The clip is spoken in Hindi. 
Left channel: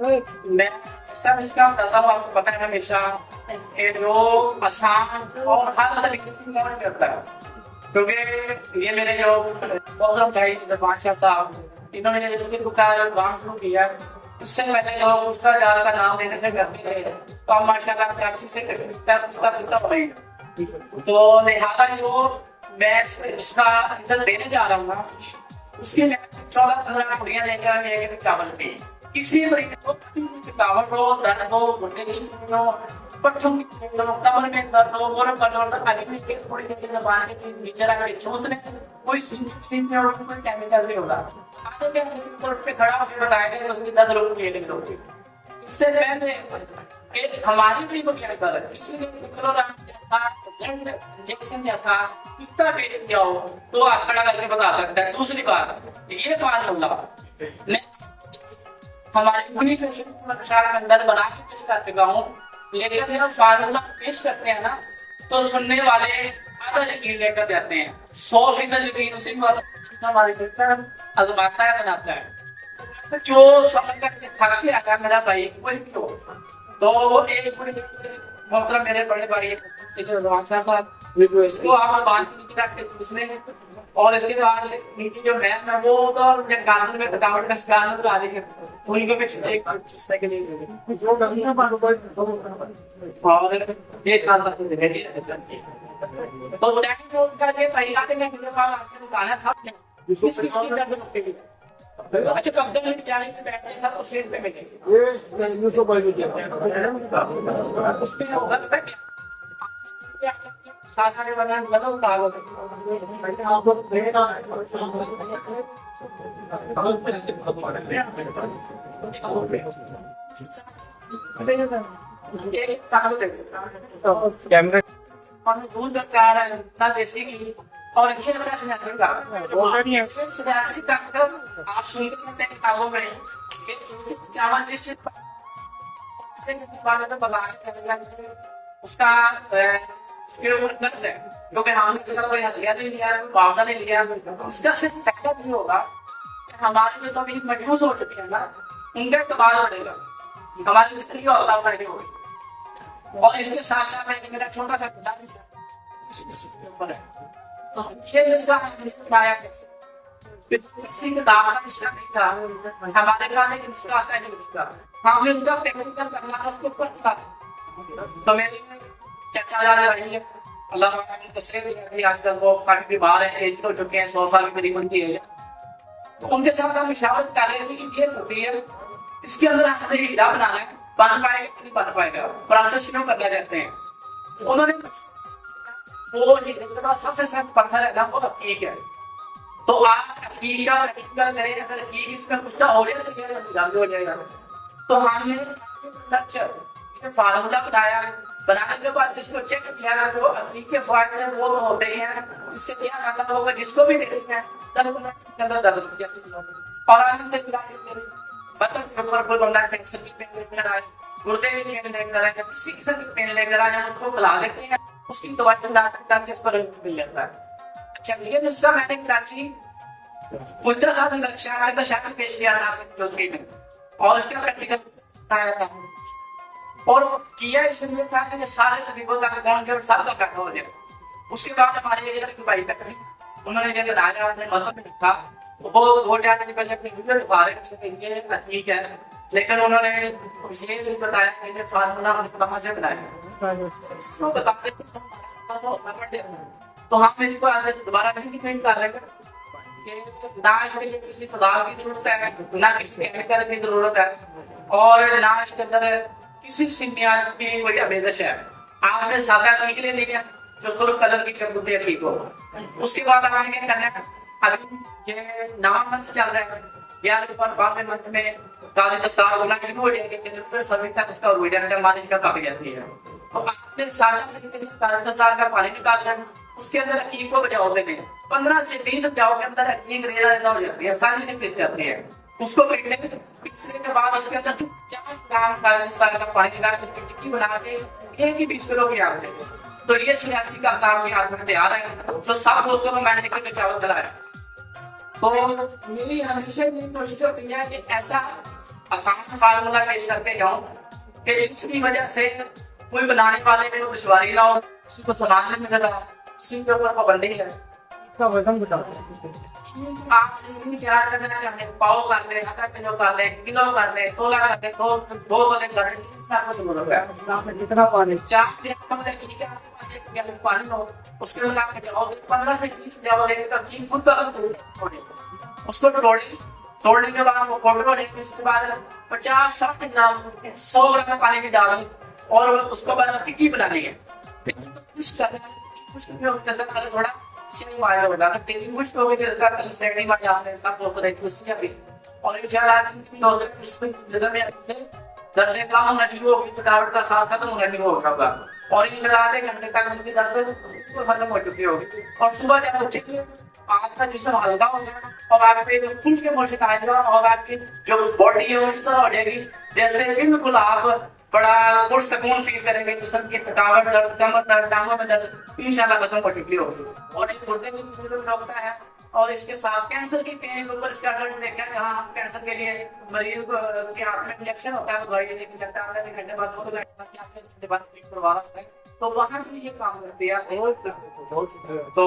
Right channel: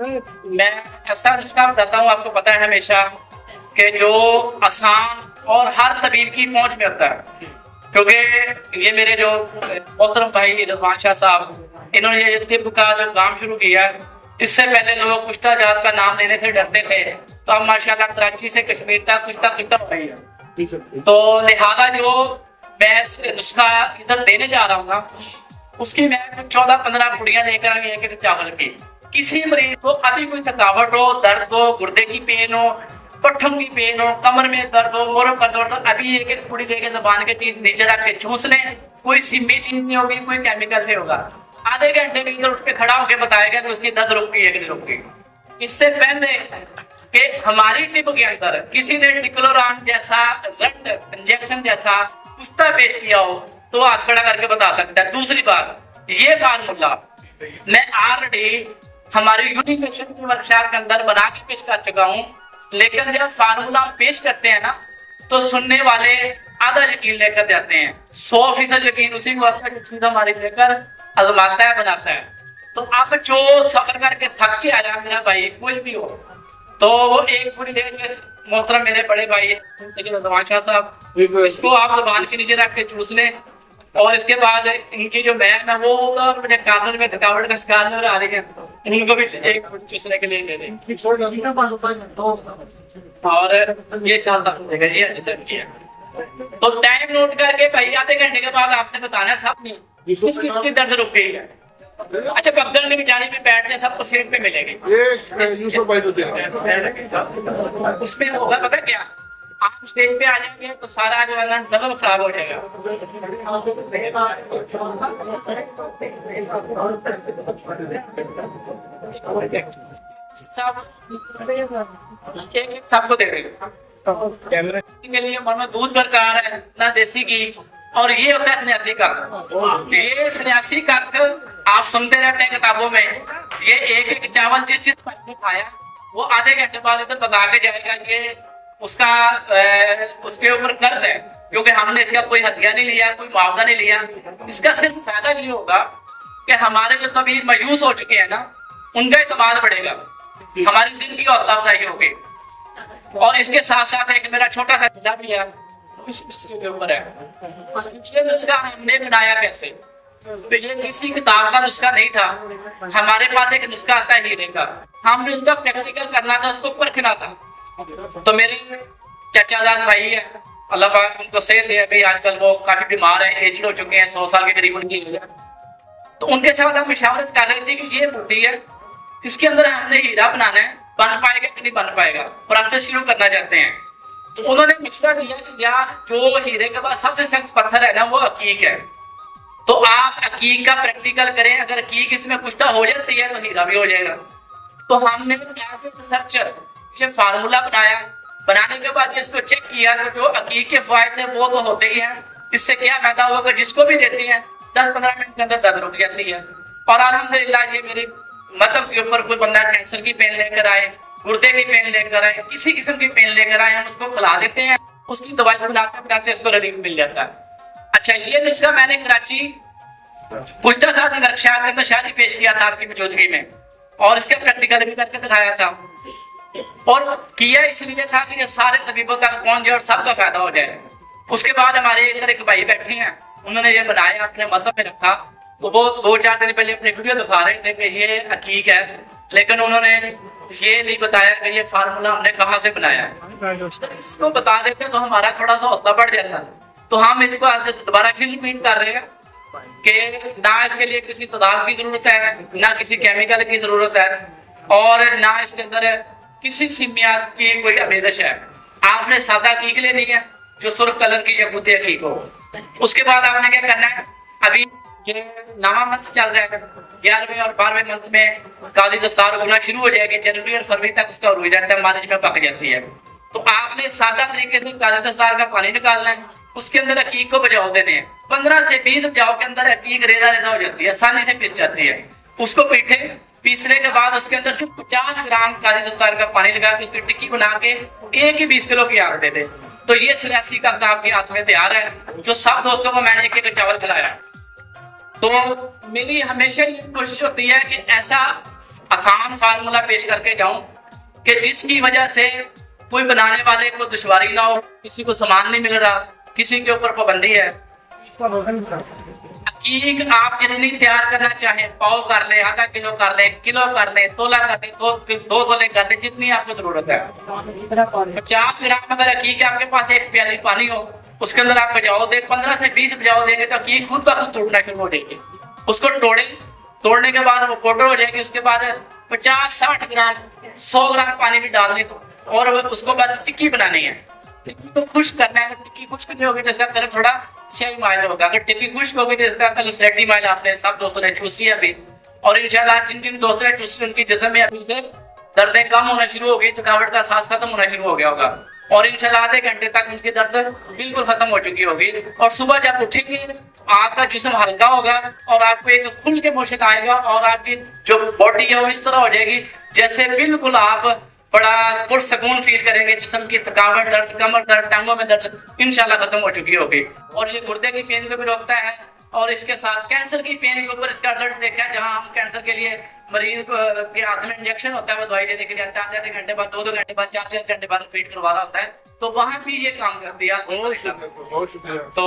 मैं ऐसा नुस्खा बताता हूँ, आपको पता है हमेशा कि जो आसान और हर तबीब की पहुंच में होता है। क्योंकि ये मेरे जो मोहतरम भाई रिजवान शाह साहब, इन्होंने ये तिब का जो काम शुरू किया, इससे पहले लोग कुश्ता जात का नाम लेने से डरते थे, तो अब माशाल्लाह कराची से कश्मीर तक कुश्ता कुश्ता हो रही है। तो लिहाजा जो मैं नुस्खा इधर देने जा रहा हूँ ना, उसकी मैं 14-15 पुड़ियां लेकर आई एक चावल की। किसी मरीज को अभी कोई थकावट हो, दर्द हो, गुर्दे की पेन हो, पट्ठों की पेन हो, कमर में दर्द हो, मोर का दर्द हो, अभी एक एक पुड़ी लेके जबान के चीज नीचे रख के चूस लें। कोई सिमी चीज नहीं होगी, कोई केमिकल नहीं होगा। आधे घंटे में इधर उठ के खड़ा होकर बताएगा कि उसकी दर्द रुक गई है कि नहीं रुक गई। इससे पहले कि हमारी तिब के अंदर किसी ने टिक्लोरान जैसा इंजेक्शन जैसा कुश्ता पेश किया हो तो हाथ खड़ा करके बता सकता है। दूसरी बात, ये फार्मूला मैं ऑलरेडी हमारी यूनिफिकेशन की वर्कशॉप के अंदर बना के पेश कर चुका हूँ, लेकिन जब फार्मूला पेश करते हैं ना तो सुनने वाले आधा यकीन लेकर जाते हैं, 100% यकीन उसी को आता है कि चीज हमारी लेकर आजमाता है, बनाता है। तो अब जो सफर करके थक के आया मेरा भाई कोई भी हो, तो एक पूरी देर में मोहतरम मेरे बड़े भाई रिजवान शाह साहब, इसको आप जबान के नीचे रख के चूस लें, और इसके बाद इनकी जो मैम है वो होगा, और मुझे कानून में थकावट का शिकार नजर आ रही है, उनको भी एक चूसने के लिए दे दें। और ये शानदार ये ऐसा किया। तो टाइम नोट करके भाई आधे घंटे के बाद आपने बताना सबने किस किस की दर्द रुक गई है। अच्छा, पगडंडी में बेचारी में बैठने सबको सीट पे मिलेगी, उसमें होगा पता क्या, आप स्टेज पे आ जाएंगे तो सारा जो है ना डबल खराब हो जाएगा। एक सबको दे देगा कैमरा के लिए, मन में दूध दरकार है ना देसी घी, और ये होता है सन्यासी का। ये सन्यासी का आप सुनते रहते हैं किताबों में, ये एक एक चावल जिस चीज पर खाया वो आधे घंटे बाद इधर बता के जाएगा कि उसका उसके ऊपर कर्ज है, क्योंकि हमने इसका कोई हथियार नहीं लिया, कोई मुआवजा नहीं लिया। इसका सिर्फ फायदा ये होगा कि हमारे जो तबीब मायूस हो चुके हैं ना, उनका एतमाद बढ़ेगा, हमारे दिल की हौसला अफजाई होगी। और इसके साथ साथ एक मेरा छोटा सा जिला भी है, इसके ऊपर है ये नुस्खा हमने बनाया कैसे। तो ये किसी किताब का नुस्खा नहीं था, हमारे पास एक नुस्खा आता है हीरे का, हमने उसका प्रैक्टिकल करना था, उसको परखना था। तो मेरे चचाजाद भाई है, अल्लाह पाक उनको सेहत दे, अभी आजकल वो काफी बीमार है, एजड हो चुके हैं, 100 साल के करीब उनकी एज है। तो उनके साथ हम मुशावरत कर रहे थे कि ये बूटी है, इसके अंदर हमने हीरा बनाना है, बन पाएगा कि नहीं बन पाएगा, प्रोसेस शुरू करना चाहते हैं। तो उन्होंने मशवरा दिया कि यार जो हीरे के बाद सबसे सख्त पत्थर है ना वो अकीक है, तो आप अकीक का प्रैक्टिकल करें, अगर अकीक इसमें कुश्ता हो जाती है तो हीरा भी हो जाएगा। तो हमने रिसर्च ये फार्मूला बनाया, बनाने के बाद इसको चेक किया, जो अकीक के फायदे वो तो होते ही हैं, इससे क्या फायदा होगा, जिसको भी देते हैं 10-15 मिनट के अंदर दर्द रुक जाती है। और अल्हम्दुलिल्लाह ये मेरे मतलब के ऊपर कोई बंदा कैंसर की पेन लेकर आए, गुर्दे की पेन लेकर आए, किसी किस्म की पेन लेकर आए, हम उसको खिला देते हैं, उसकी दवाई पिलाते इसको रिलीफ मिल जाता है। अच्छा, ये नुस्खा मैंने कराची कुश्ता साथी वर्कशॉप के अंदर शादी पेश किया था आपकी मौजूदगी में, और इसका प्रैक्टिकल भी करके दिखाया था, और किया इसलिए था कि सारे तबीबों तक पहुंच जाए और सबका फायदा हो जाए। उसके बाद हमारे इधर एक भाई बैठे हैं, उन्होंने ये बनाया, अपने मतलब में रखा, तो वो 2-4 दिन पहले अपने वीडियो दिखा रहे थे कि ये हकीक है, लेकिन उन्होंने ये नहीं बताया कि ये फार्मूला हमने कहाँ से बनाया है। तो इसको बता देते तो हमारा थोड़ा सा हौसला बढ़ जाता। तो हम इसको आज दोबारा फिर रिपीट कर रहे हैं कि ना इसके लिए किसी तदाद की जरूरत है, ना किसी केमिकल की जरूरत है, और ना इसके अंदर किसी सिमियात की कोई आमेजश है। आपने सादा हकीक लेनी है जो सुर्ख कलर की यकूती हकीक हो। उसके बाद आपने क्या करना है, अभी ये नवा मंथ चल रहा है, 11वें और 12वें मंथ में कादी दस्तार होना शुरू हो जाएगी, जनवरी और फरवरी तक उसका हो जाता है, मार्च में पक जाती है। तो आपने सादा तरीके से कादी दस्तार का पानी निकालना है, उसके अंदर हकीक को बजाव देने हैं, 15 से 20 बजाव के अंदर हकीक रेजा रेजा हो जाती है, आसानी से पिस जाती है। उसको पीटे, पीसने के बाद उसके अंदर 50 ग्राम काली दस्तार का पानी लगा के उसकी टिक्की बना के 1 ही 20 किलो की आग दे दे, तो ये सन्यासी का आपके हाथ में तैयार है, जो सब दोस्तों को मैंने 1-1 चावल खिलाया। तो मेरी हमेशा ये कोशिश होती है कि ऐसा आसान फार्मूला पेश करके जाऊं कि जिसकी वजह से कोई बनाने वाले को दुश्वारी ना हो, किसी को सामान नहीं मिल रहा, किसी के ऊपर पाबंदी है। इसका वजन बता। हकीक आप जितनी तैयार करना चाहे, पाव कर ले, आधा किलो कर ले, किलो कर ले, तोला कर ले, दो तोले कर ले, जितनी आपको जरूरत है। आपने कितना पानी? 50 ग्राम अगर हकीक आपके पास एक प्याली पानी हो, उसके अंदर आप बजाओ दे 15 से 20 बजाओ देंगे तो हकीक खुद ब खुद तोड़ना शुरू हो जाएगी। उसको तोड़ने के बाद वो पाउडर हो जाएगी। उसके बाद 50-60 ग्राम 100 ग्राम पानी भी डालने और उसको बस टिक्की बनानी है। टिक्की को खुश्क करना है। टिक्की खुश्क नहीं होगी तो इसका कलर थोड़ा स्याही माइल होगा। अगर टिक्की खुश्क होगी तो इसका कलर स्लेटी माइल आपने सब दोस्तों ने चूसी है अभी। और इंशाल्लाह जिन जिन दोस्तों ने चूसी उनकी जिस्म में अभी से दर्दें कम होना शुरू हो गई, थकावट का सांस खत्म होना शुरू हो गया होगा और इंशाल्लाह आधे घंटे तक उनकी दर्द बिल्कुल खत्म हो चुकी होगी। और सुबह जब उठेंगे आपका जिस्म हल्का होगा और आपको एक खुल के पोषक आएगा और आपकी जो बॉडी है वो इस तरह हो जाएगी जैसे बिल्कुल आप बड़ा पुरसकून फील करेंगे। जिस्म की थकावट, दर्द, कमर दर्द, टांगों में दर्द इंशाल्लाह खत्म हो चुकी होगी। और ये गुर्दे की पेन को भी रोकता है और इसके साथ कैंसर की पेन के ऊपर इसका रिजल्ट देखा है। जहां हम कैंसर के लिए मरीज के हाथ में इंजेक्शन होता है, वो दवाई देने के लिए आता है, आधे घंटे बाद, 2-2 घंटे बाद, 4-4 घंटे बाद रिपीट करवाना होता है, तो वहां भी ये काम करती है। बहुत शुक्रिया। तो